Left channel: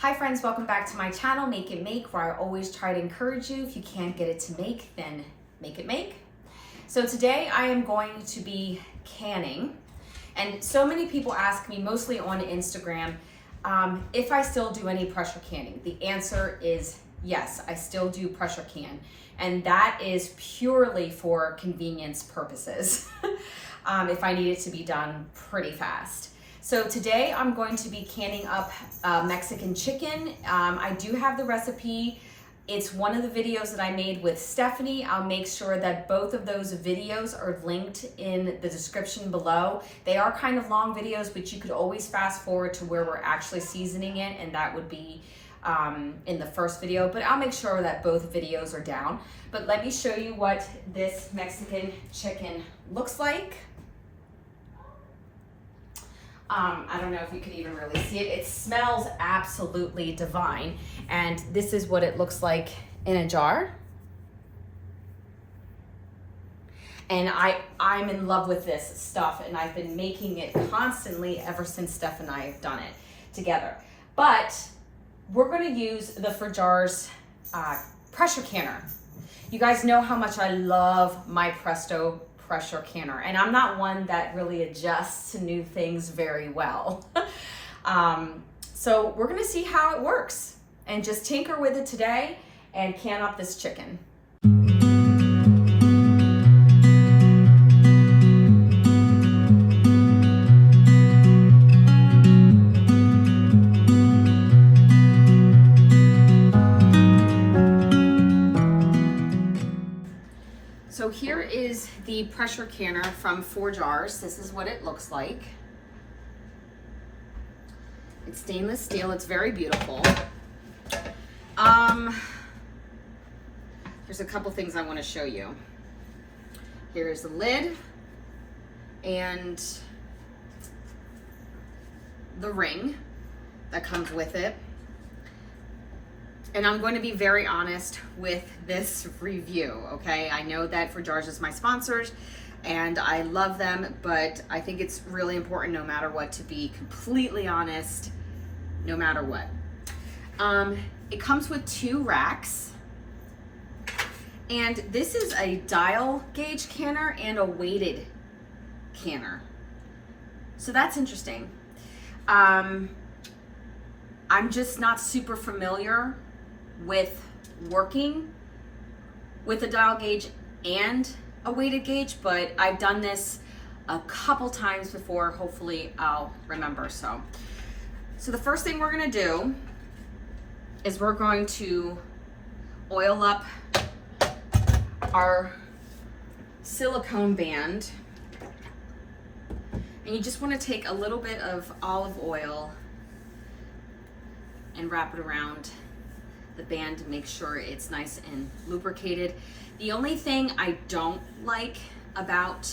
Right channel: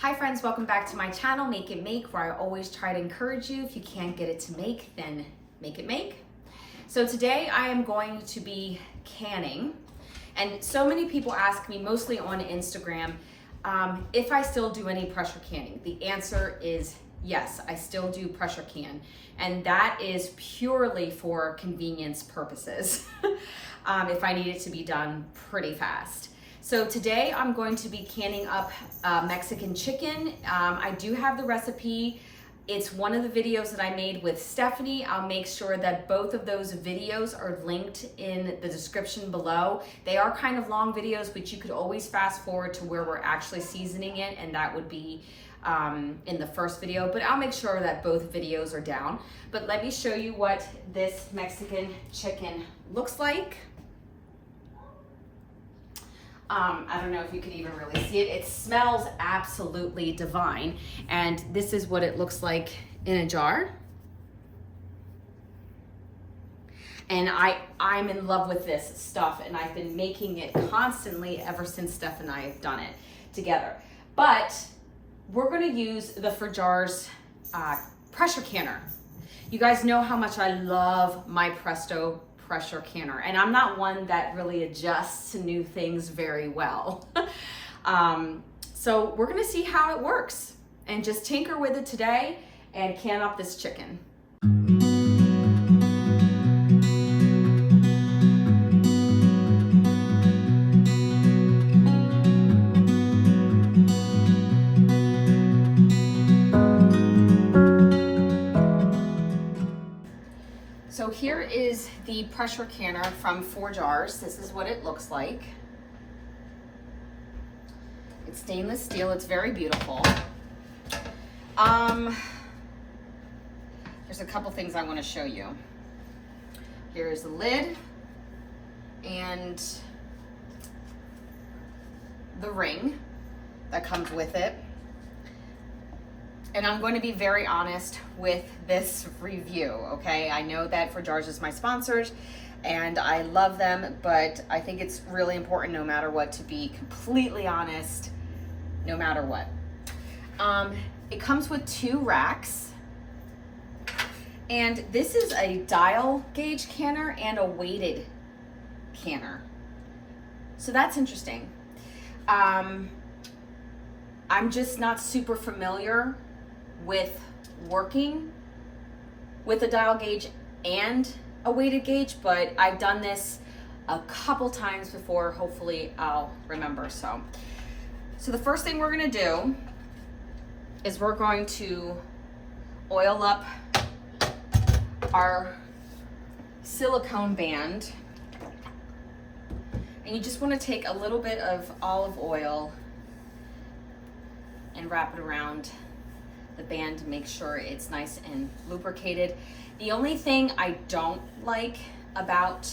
Hi friends, welcome back to my channel, Make It Make, where I always try to encourage you. If you can't get it to make, then make it make. So today I am going to be canning. And so many people ask me, mostly on Instagram, if I still do any pressure canning. The answer is yes, I still do pressure can. And that is purely for convenience purposes. If I need it to be done pretty fast. So today I'm going to be canning up Mexican chicken. I do have the recipe. It's one of the videos that I made with Stephanie. I'll make sure that both of those videos are linked in the description below. They are kind of long videos, but you could always fast forward to where we're actually seasoning it, and that would be in the first video, but I'll make sure that both videos are down. But let me show you what this Mexican chicken looks like. I don't know if you can even really see it. It smells absolutely divine. And this is what it looks like in a jar. And I'm in love with this stuff, and I've been making it constantly ever since Steph and I have done it together. But we're gonna use the ForJars pressure canner. You guys know how much I love my Presto pressure canner, and I'm not one that really adjusts to new things very well. So we're gonna see how it works and just tinker with it today and can up this chicken. So here is the pressure canner from ForJars. This is what it looks like. It's stainless steel. It's very beautiful. There's a couple things I want to show you. Here's the lid and the ring that comes with it. And I'm going to be very honest with this review, okay? I know that ForJars is my sponsors and I love them, but I think it's really important no matter what to be completely honest, no matter what. It comes with 2 racks, and this is a dial gauge canner and a weighted canner. So that's interesting. I'm just not super familiar with working with a dial gauge and a weighted gauge, but I've done this a couple times before. Hopefully I'll remember. So the first thing we're gonna do is we're going to oil up our silicone band, and you just want to take a little bit of olive oil and wrap it around the band to make sure it's nice and lubricated. The only thing I don't like about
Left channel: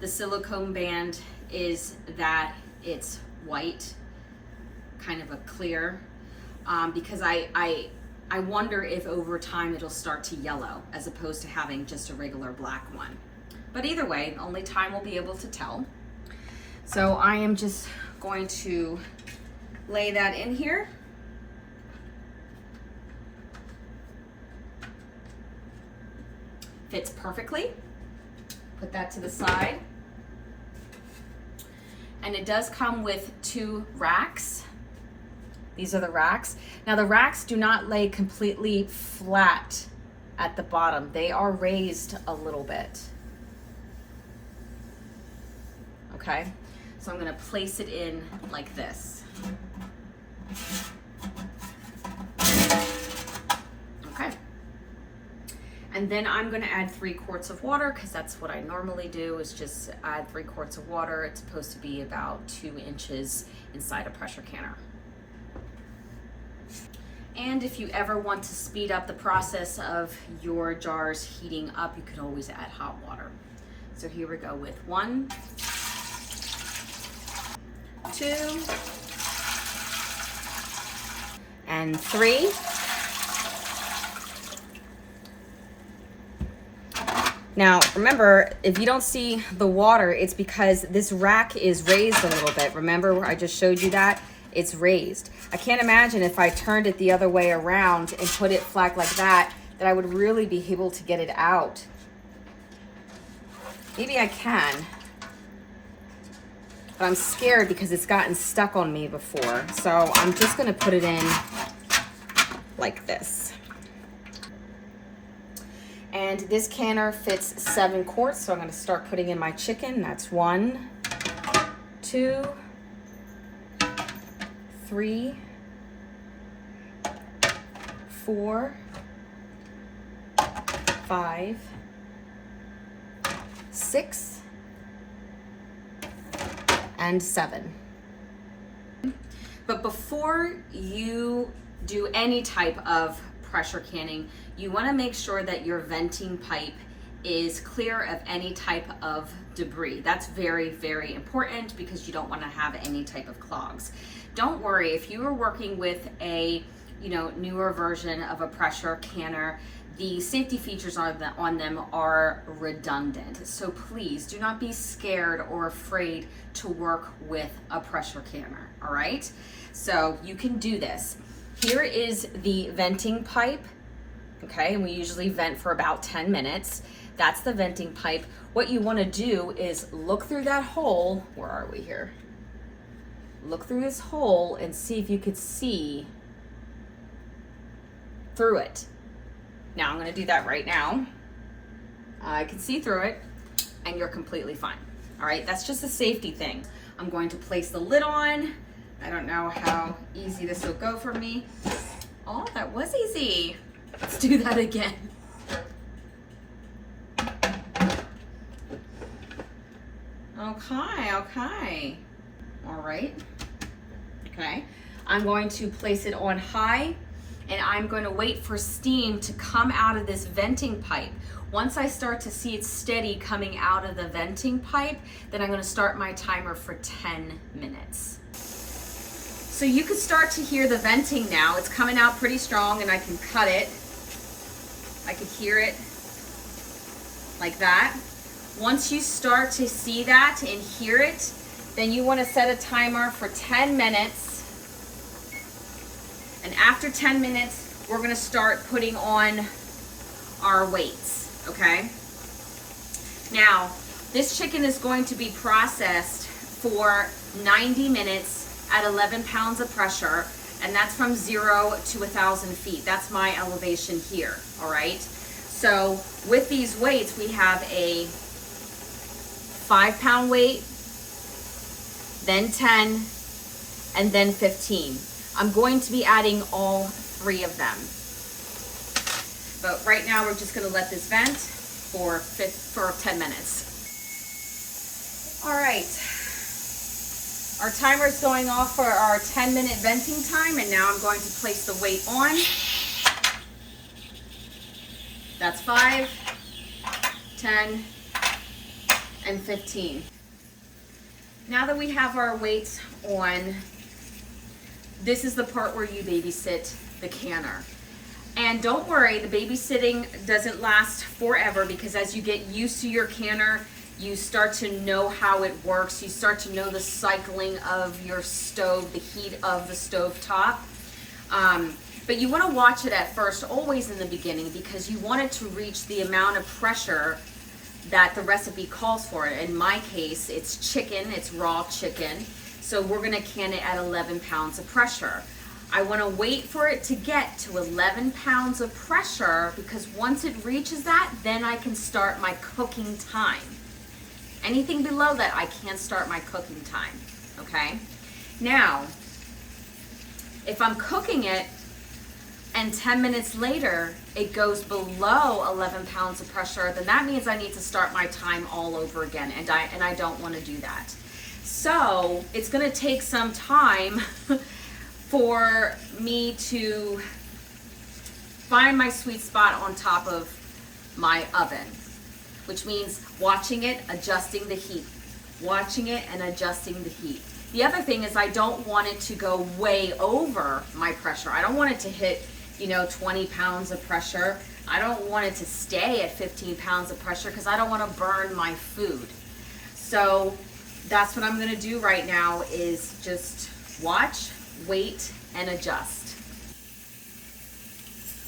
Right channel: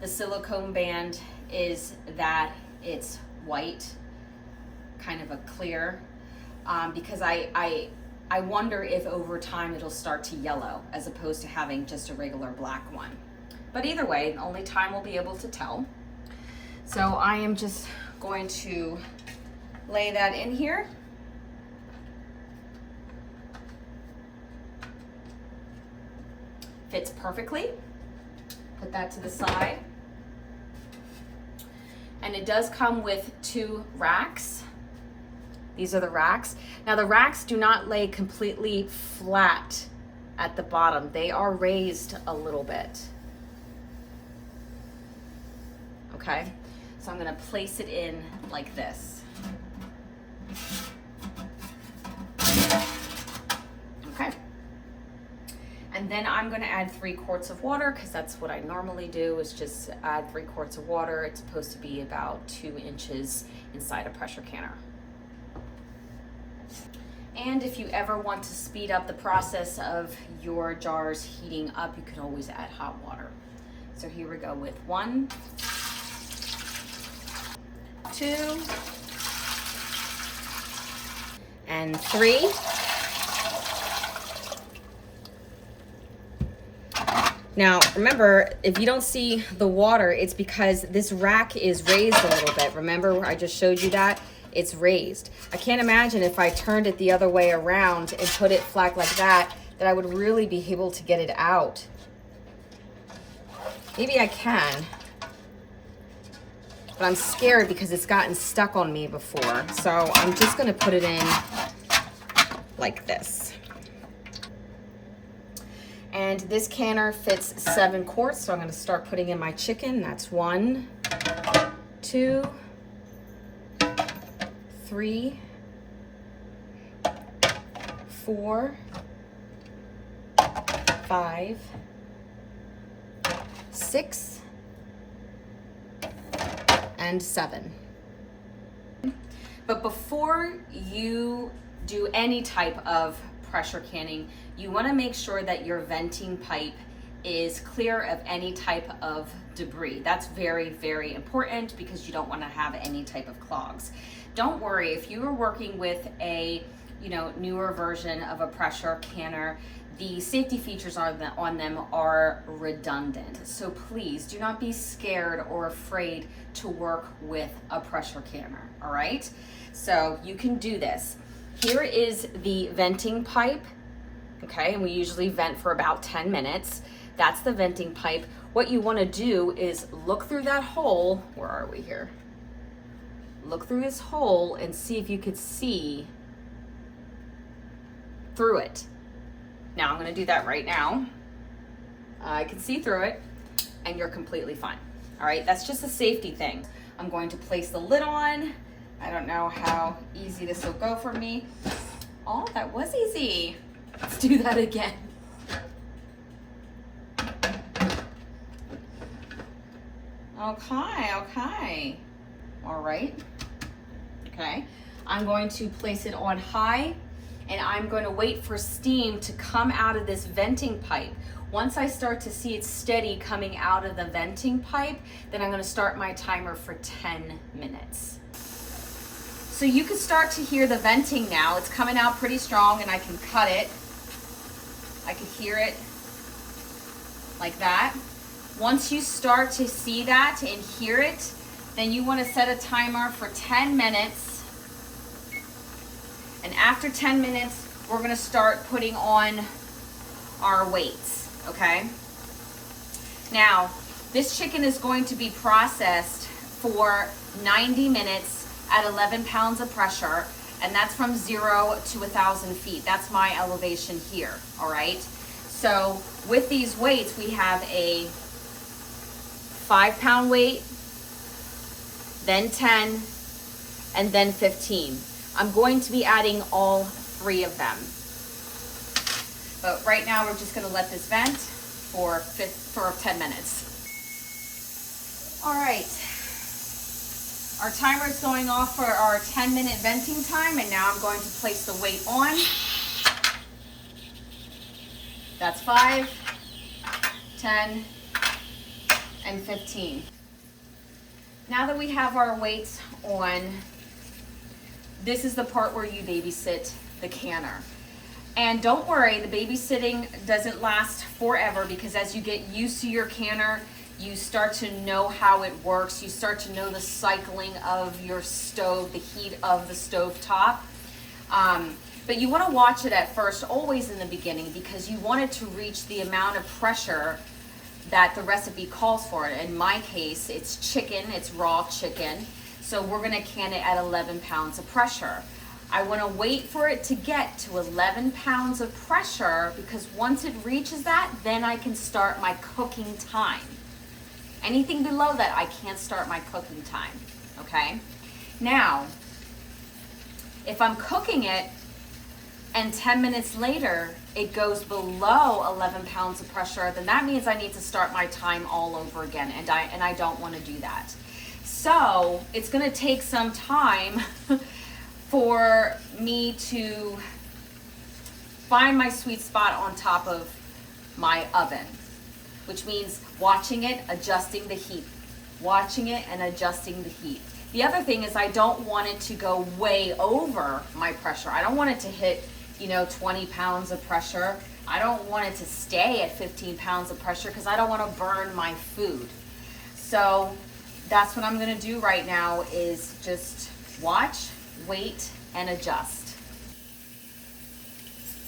the silicone band is that it's white, kind of a clear, because I wonder if over time it'll start to yellow as opposed to having just a regular black one. But either way, only time will be able to tell. So I am just going to lay that in here. Fits perfectly. Put that to the side. And it does come with 2 racks. These are the racks. Now the racks do not lay completely flat at the bottom. They are raised a little bit. Okay, so I'm gonna place it in like this. Okay. And then I'm going to add 3 quarts of water, because that's what I normally do, is just add 3 quarts of water. It's supposed to be about 2 inches inside a pressure canner. And if you ever want to speed up the process of your jars heating up, you can always add hot water. So here we go with 1, 2, and 3. Now, remember, if you don't see the water, it's because this rack is raised a little bit. Remember, I just showed you that? it's raised. I can't imagine if I turned it the other way around and put it flat like that I would really be able to get it out. Maybe I can, but I'm scared because it's gotten stuck on me before. So I'm just gonna put it in like this. And this canner fits 7 quarts, so I'm gonna start putting in my chicken. That's 1, 2, 3, 4, 5, 6, and 7. But before you do any type of pressure canning, you want to make sure that your venting pipe is clear of any type of debris. That's very, very important because you don't want to have any type of clogs. Don't worry, if you are working with a newer version of a pressure canner, the safety features on them are redundant. So please do not be scared or afraid to work with a pressure canner, all right? So you can do this. Here is the venting pipe, okay? And we usually vent for about 10 minutes. That's the venting pipe. What you wanna do is look through that hole. Where are we here? Look through this hole and see if you could see through it. Now I'm gonna do that right now. I can see through it and you're completely fine. All right, that's just a safety thing. I'm going to place the lid on. I don't know how easy this will go for me. Oh, that was easy. Let's do that again. Okay. All right, okay. I'm going to place it on high and I'm going to wait for steam to come out of this venting pipe. Once I start to see it steady coming out of the venting pipe, then I'm going to start my timer for 10 minutes. So you can start to hear the venting now. It's coming out pretty strong and I can cut it. I can hear it like that. Once you start to see that and hear it, then you want to set a timer for 10 minutes. And after 10 minutes, we're going to start putting on our weights, okay? Now, this chicken is going to be processed for 90 minutes at 11 pounds of pressure, and that's from 0 to 1,000 feet. That's my elevation here, all right? So with these weights, we have a 5-pound weight, then 10, and then 15. I'm going to be adding all 3 of them. But right now we're just gonna let this vent for 10 minutes. All right, our timer is going off for our 10-minute venting time, and now I'm going to place the weight on. That's 5, 10, and 15. Now that we have our weights on, this is the part where you babysit the canner. And don't worry, the babysitting doesn't last forever, because as you get used to your canner, you start to know how it works. You start to know the cycling of your stove, the heat of the stove top. But you want to watch it at first, always in the beginning, because you want it to reach the amount of pressure that the recipe calls for. In my case, it's chicken, it's raw chicken. So we're gonna can it at 11 pounds of pressure. I wanna wait for it to get to 11 pounds of pressure, because once it reaches that, then I can start my cooking time. Anything below that, I can't start my cooking time, okay? Now, if I'm cooking it and 10 minutes later, it goes below 11 pounds of pressure, then that means I need to start my time all over again, and I don't wanna do that. So it's gonna take some time for me to find my sweet spot on top of my oven, which means watching it, adjusting the heat, watching it and adjusting the heat. The other thing is I don't want it to go way over my pressure. I don't want it to hit, 20 pounds of pressure. I don't want it to stay at 15 pounds of pressure, because I don't want to burn my food. So that's what I'm going to do right now, is just watch wait and adjust.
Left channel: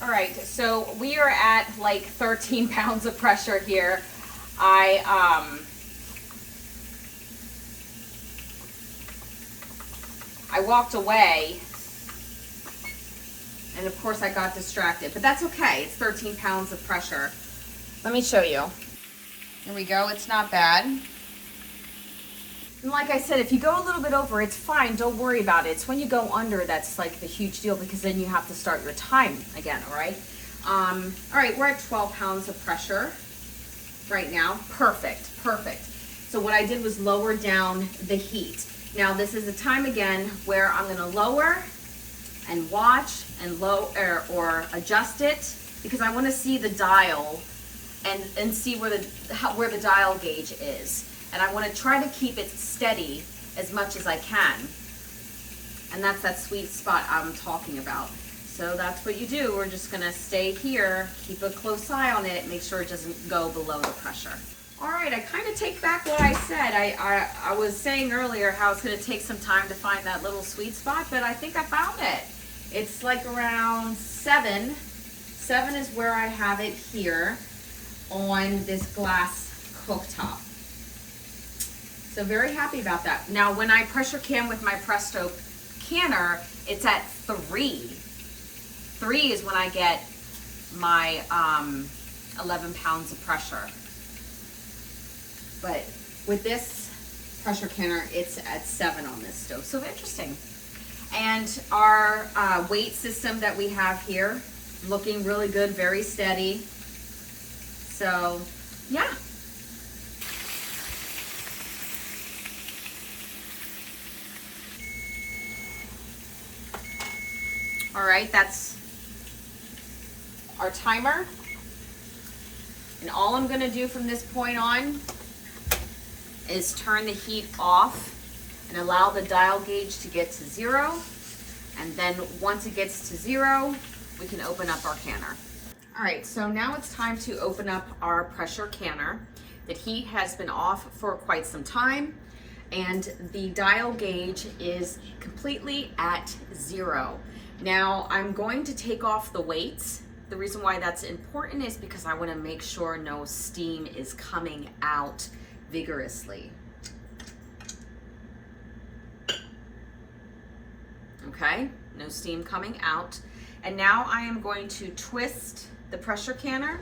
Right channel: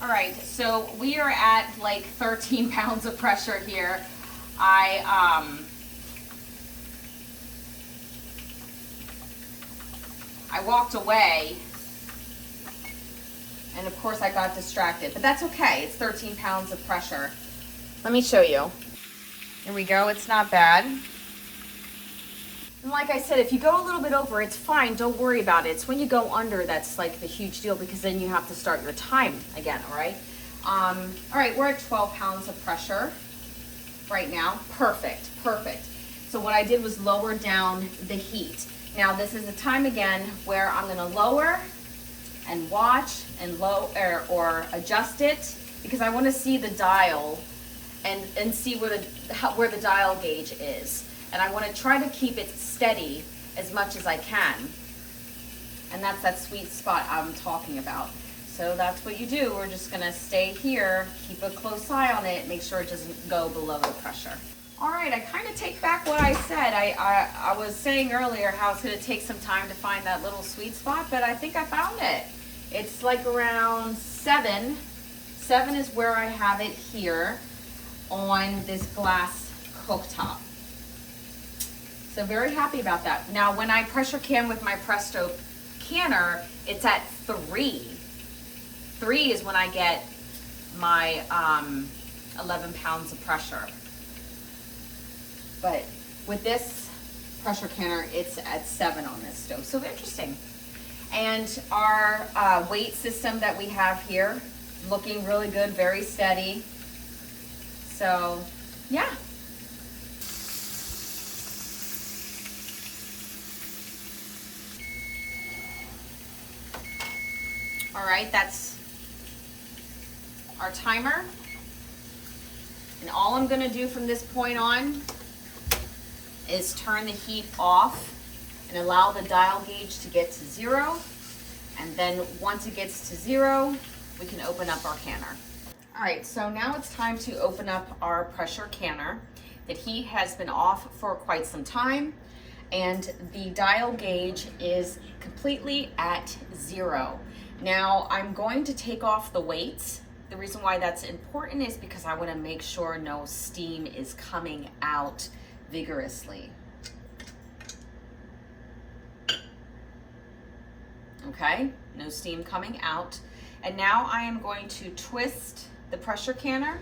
All right, so we are at like 13 pounds of pressure here. I walked away, and of course I got distracted, but that's okay. It's 13 pounds of pressure. Let me show you. Here we go, it's not bad. And like I said, if you go a little bit over, it's fine, don't worry about it. It's when you go under that's like the huge deal, because then you have to start your time again, all right? All right, we're at 12 pounds of pressure right now. Perfect, perfect. So what I did was lower down the heat. Now this is the time again where I'm gonna lower and watch and or adjust it, because I wanna see the dial and see where the dial gauge is. And I wanna try to keep it steady as much as I can. And that's that sweet spot I'm talking about. So that's what you do. We're just gonna stay here, keep a close eye on it, make sure it doesn't go below the pressure. All right, I kind of take back what I said. I was saying earlier how it's gonna take some time to find that little sweet spot, but I think I found it. It's like around 7. 7 is where I have it here on this glass cooktop. So very happy about that. Now, when I pressure can with my Presto canner, it's at 3. 3 is when I get my 11 pounds of pressure. But with this pressure canner, it's at 7 on this stove. So interesting. And our weight system that we have here, looking really good, very steady. So, yeah. All right, that's our timer. And all I'm gonna do from this point on is turn the heat off and allow the dial gauge to get to 0. And then once it gets to 0, we can open up our canner. All right, so now it's time to open up our pressure canner. The heat has been off for quite some time, and the dial gauge is completely at 0. Now I'm going to take off the weights. The reason why that's important is because I want to make sure no steam is coming out vigorously. Okay, no steam coming out. And now I am going to twist the pressure canner,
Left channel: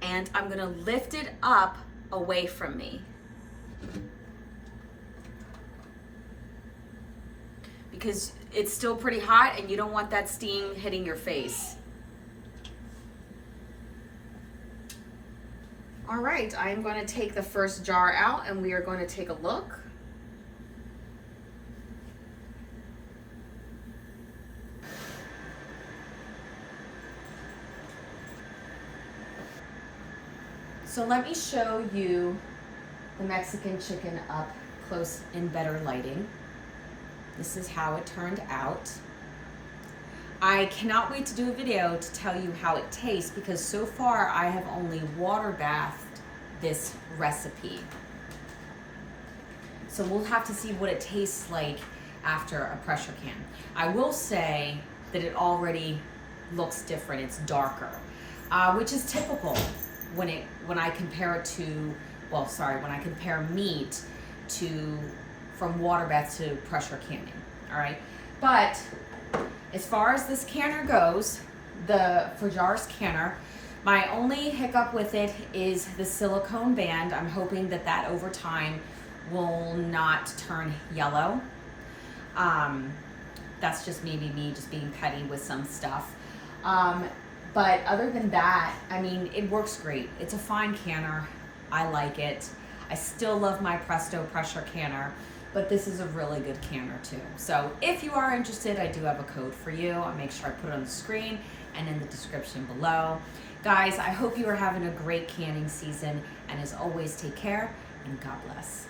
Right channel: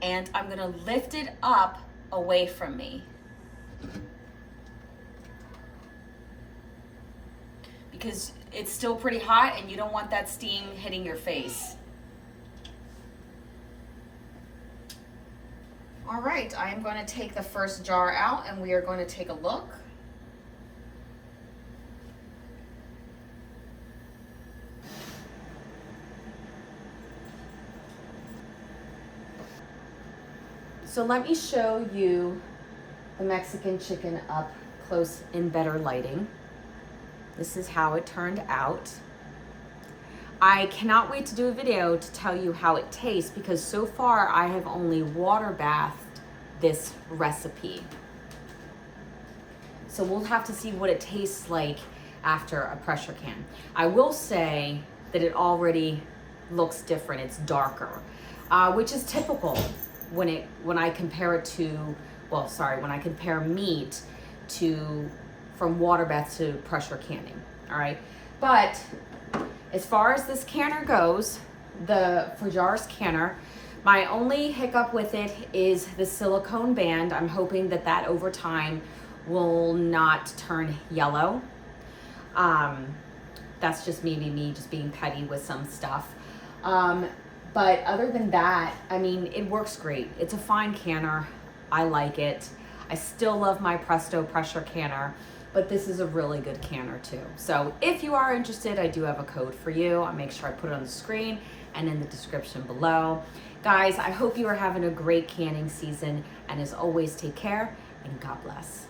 and I'm going to lift it up away from me. Because it's still pretty hot and you don't want that steam hitting your face. All right, I'm going to take the first jar out and we are going to take a look. So let me show you the Mexican chicken up close in better lighting. This is how it turned out. I cannot wait to do a video to tell you how it tastes, because so far I have only water bathed this recipe. So we'll have to see what it tastes like after a pressure can. I will say that it already looks different. It's darker, which is typical when I compare it to, well, sorry, when I compare meat to from water bath to pressure canning, all right? But as far as this canner goes, the ForJars canner, my only hiccup with it is the silicone band. I'm hoping that that over time will not turn yellow. That's just maybe me just being petty with some stuff. But other than that, I mean, it works great. It's a fine canner. I like it. I still love my Presto pressure canner, but this is a really good canner too. So if you are interested, I do have a code for you. I'll make sure I put it on the screen and in the description below. Guys, I hope you are having a great canning season, and as always, take care and God bless.